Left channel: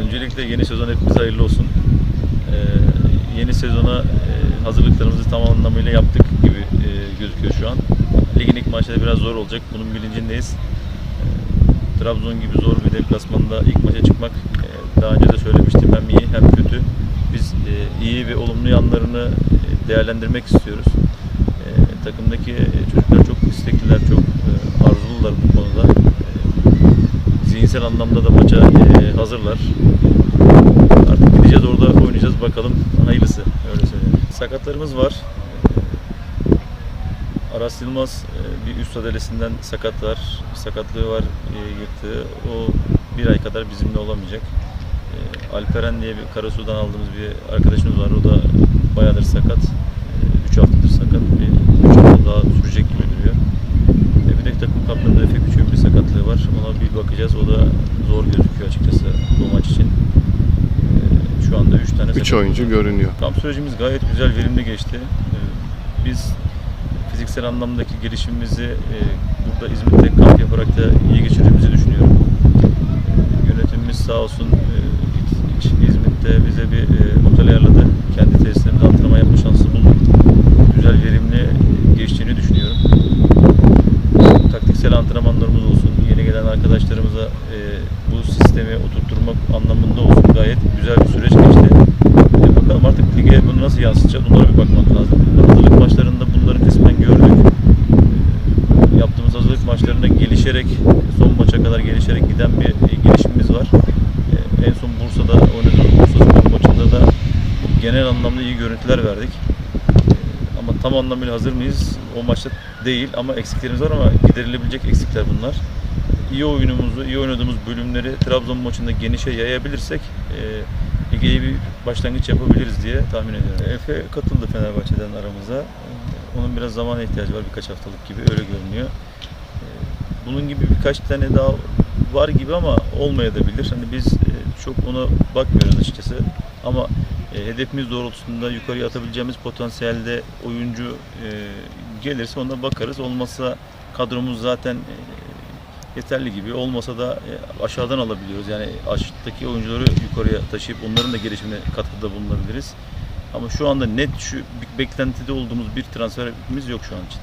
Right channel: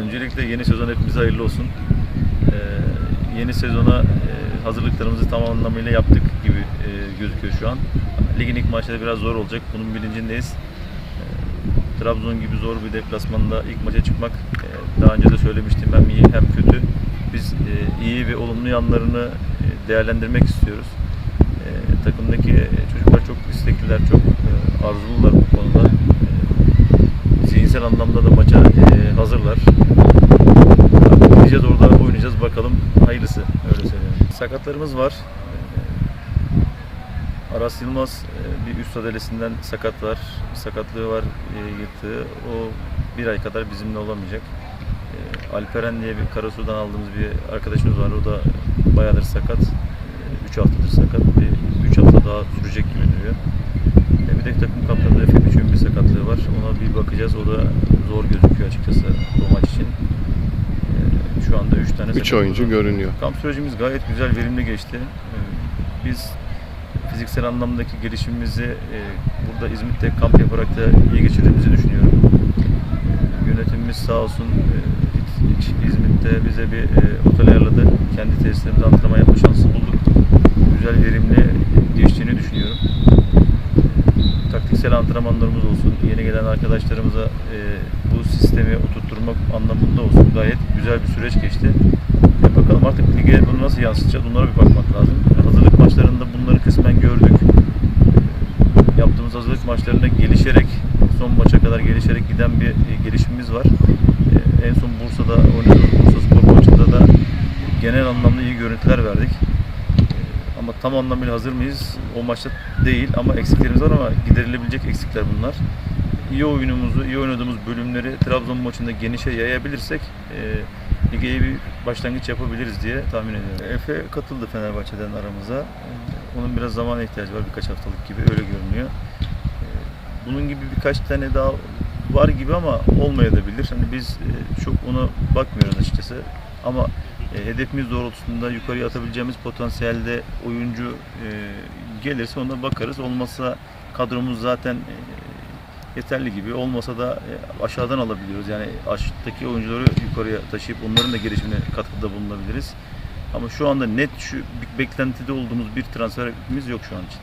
Öncelikle yeni sezon hepimize hayırlı olsun. Ee, yeni sezona e, hazırlıklarımızı tam anlamıyla yaptık gibi e, gözüküyor şu an. Ligin ilk maçları biraz zor olacak. Bunun bilincindeyiz. Ee, Trabzon gibi zor bir deplasmanda ilk maça çıkmak e, daha önce de söylemiştim hem iyi hem kötü. Biz e, iyi ve olumlu yanlarını e, değerlendirmek istiyoruz. E, takımdaki e, çocuklar çok istekliler, çok e, arzulular bu konuda. Zihinsel anlamda da maça e, hazırlar. Artık gideceğiz orada oynayacağız bakalım hayırlısı öyle söyleyeyim. Sakatlarımız var. E, Aras Yılmaz e, bir üst adalesinden sakat var. Sakatlığı var yırtığı. O bir ay kadar bizimle olamayacak. Alperen diye bir Karasu'dan aldığımız bir arkadaşımız var. O da bayağıdır sakat. 3 haftadır sakat. Bir 3 hafta daha sürecek gibi duruyor. E, bir de takım kaptanında Efe Biçim'in bir sakatlığı var. Ona bir bakacağız. O da zor gözüküyor açıkçası bu maç için. E, şu anda 3 tane 3 sakatımız oyuncu var. görünüyor. Kamp sürecimiz gayet güzel, verimli geçti. Ee, Biz fiziksel anlamdaki gelişimimizi e, burada İzmit'te kamp yaparak da iyi geçirdiğimizi düşünüyorum. Ee, Yönetimimiz sağ olsun e, İç- İç- İzmit'te bize bir e, otel ayarladı. Kendi tesislerimizde antrenman yapma şansı bulduk. Güzel, verimli geçtiğini düşünüyorum. Taktiksel antrenmanlarımız olsun, yeni gelen arkadaşlarımıza e, bu sistemi oturtturmak anlamında olsun gayet güzel bir süreç geçti. E bakalım artık lige bunu nasıl yansıtacağız onlara bir bakmak lazım. E, Hazırlık maçlarında bunları kısmen gördük. E, yaptığımız hazırlık maçlarında gelişerek, son maça kadar gelişerek giden bir e, gelişimimiz var. E, en son Bursa'da oynadığımız Bursa Spor maçında da genel anlamda iyi görüntüler verdik. Ama tam anlamıyla hazır mıyız? O maçta değil ama eksiklerimiz var ama giderilebilecek eksikler bunlar. İyi oyunumuzu, iyi oynadığımız bölümleri Trabzon maçında genişe yayabilirsek e, lige iyi bir başlangıç yapabiliriz diye tahmin ediyorum. Efe katıldı Fenerbahçe'den aramıza. Onun biraz zamana ihtiyacı var birkaç haftalık gibi öyle görünüyor. E, Bunun gibi birkaç tane daha var gibi ama olmayabilir. Hani biz e, çok ona bakmıyoruz açıkçası. Ama e, hedefimiz doğrultusunda yukarıya atabileceğimiz potansiyelde oyuncu e, gelirse ona bakarız. Olmazsa kadromuz zaten yeterli gibi. Olmasa da aşağıdan alabiliyoruz. Yani aşağıdaki oyuncuları yukarıya taşıyıp onların da gelişimine katkıda bulunabiliriz. Ama şu anda net şu beklentide olduğumuz bir transferimiz yok şu an için.